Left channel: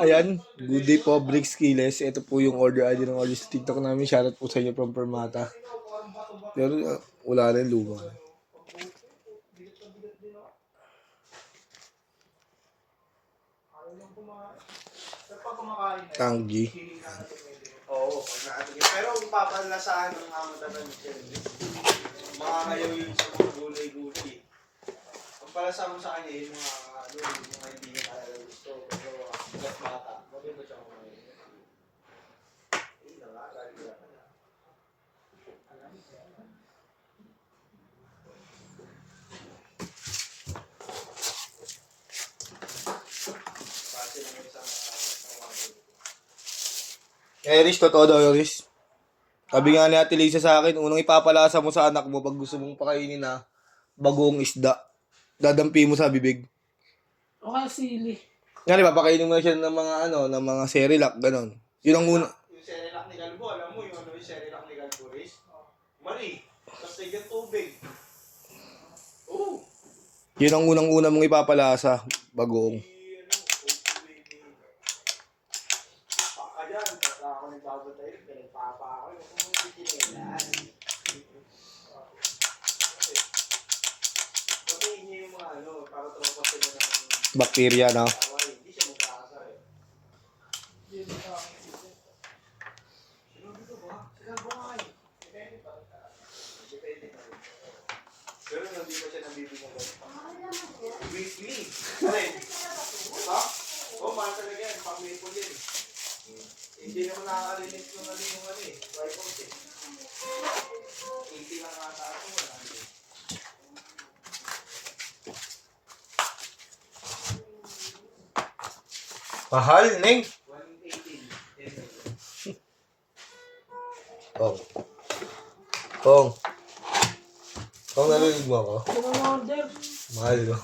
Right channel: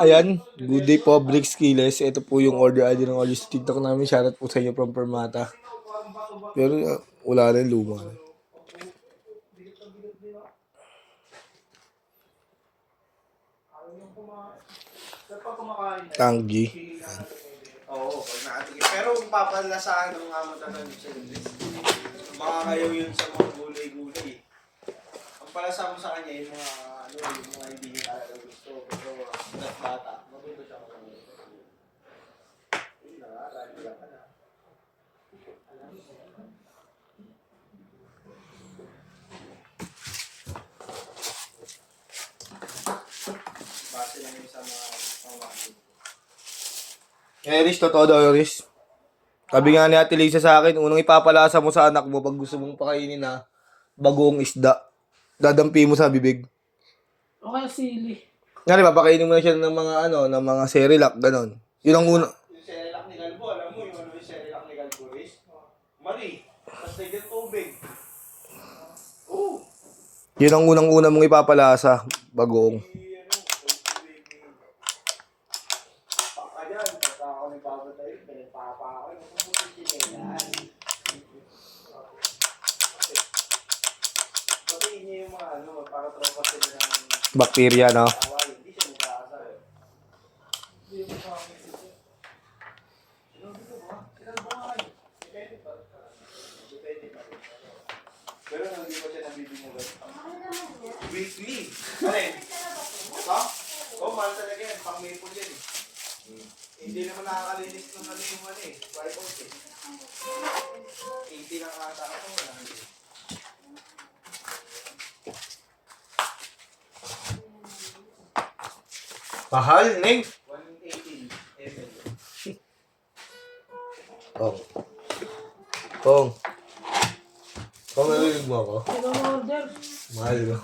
Ayan, good day po, Bricks Kiles. Ito po yung order ID ng audio sa TikTok namin. Shoutout po sa inyo from Permata. Pero wala rin luma. Tanggi. Oo, pag nakatigil. Pero kung papalasahan ng amo talaga sa English, makakayaw yun sa mga gulay-gulay. Ang palasa mo sa kanya yung mga hindi niya talaga gusto. Pero bata, maganda siya mga base lang yung sa mga Iris, totoo daw, Iris. Sabi nga ni Ate Lisa sa akin, unang ipapalasa mo sa anak mo pag gusto mong pakainin na bagong isda. Dadampi mo sa bibig. O kaya sili. Nga, papakainin mo na siya ng mga ng mga Cerelac, ganon. Yun ang una. yung Cerelac ni Galbo, alam mo yung yung Cerelac ni Galbo is mali, tapos nagyan tubig. Oo. Yun ang unang-una mong ipapalasa, bagong. Paka dyan, pagka ako nagbabatay, pinagpapa ako, yung kumutikilan. Patiin niya yung mga para tropa sila ng Bakterya, no? awal, hindi siya magkakasar eh. Pero hindi pa siya nabibigyan ganun. Weekly. Alin? Ito? Oo, mahal talaga yan. Pang maple yan eh. Hindi naman nakakalinis kung ano yung tripod eh. 80 lang ata ako. Mahal, Neng. 118 ml. Kong. Kong. Kong, narinig mo ako? Ano ang order? Mahal ko.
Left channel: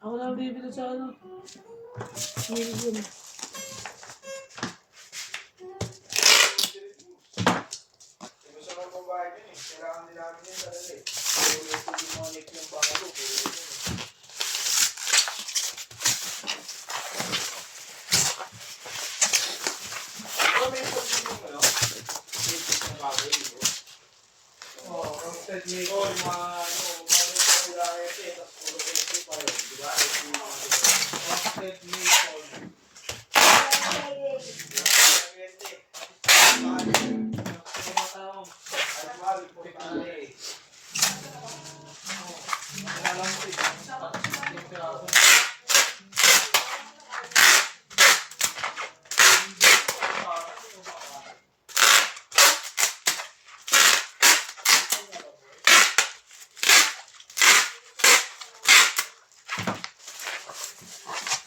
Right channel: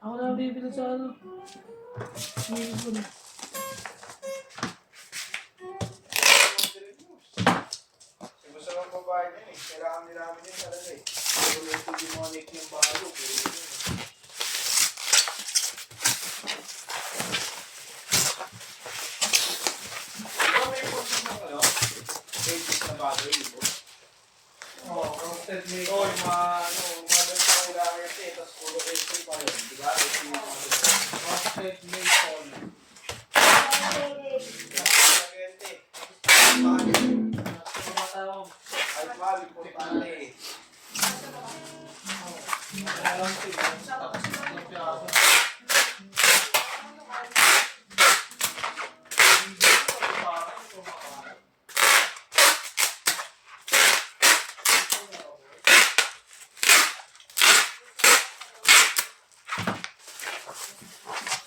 Ako na bibili sa Milgon. Gusto ng babae din eh. Kailangan din namin yun talaga eh. Pero ito demonic yung bangalo. Oo, yung mga sa kulay kasi, tapos puro kasi pa yun. Diba? Offset maple. Almal, importante.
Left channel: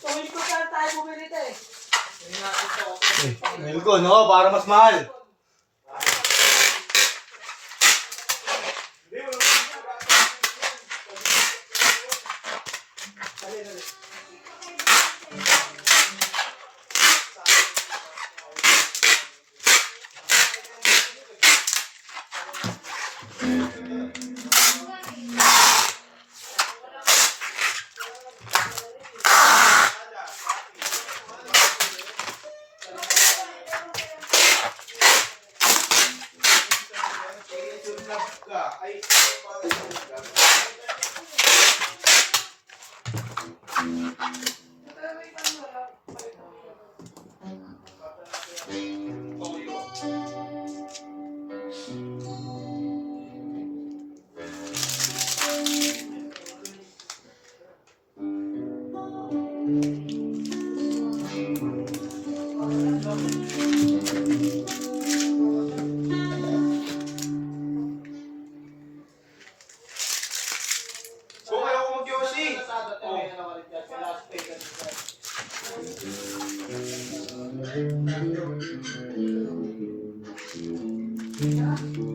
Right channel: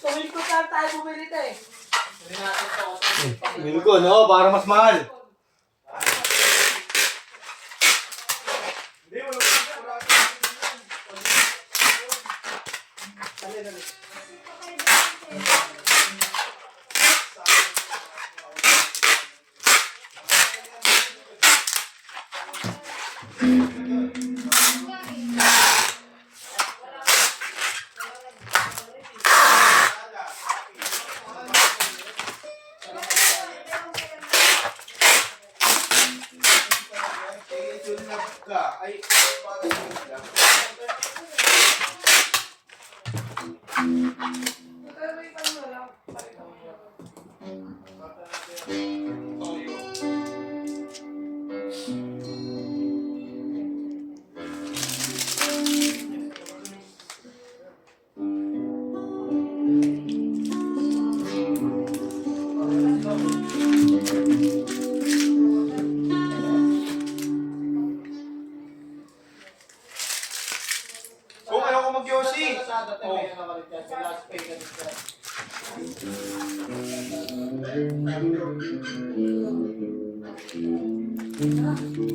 So, ko saan tayo bumili ito eh? Milko, no? Para mas mahal. Ay, kung ayaw ko mag-yosi. Oh.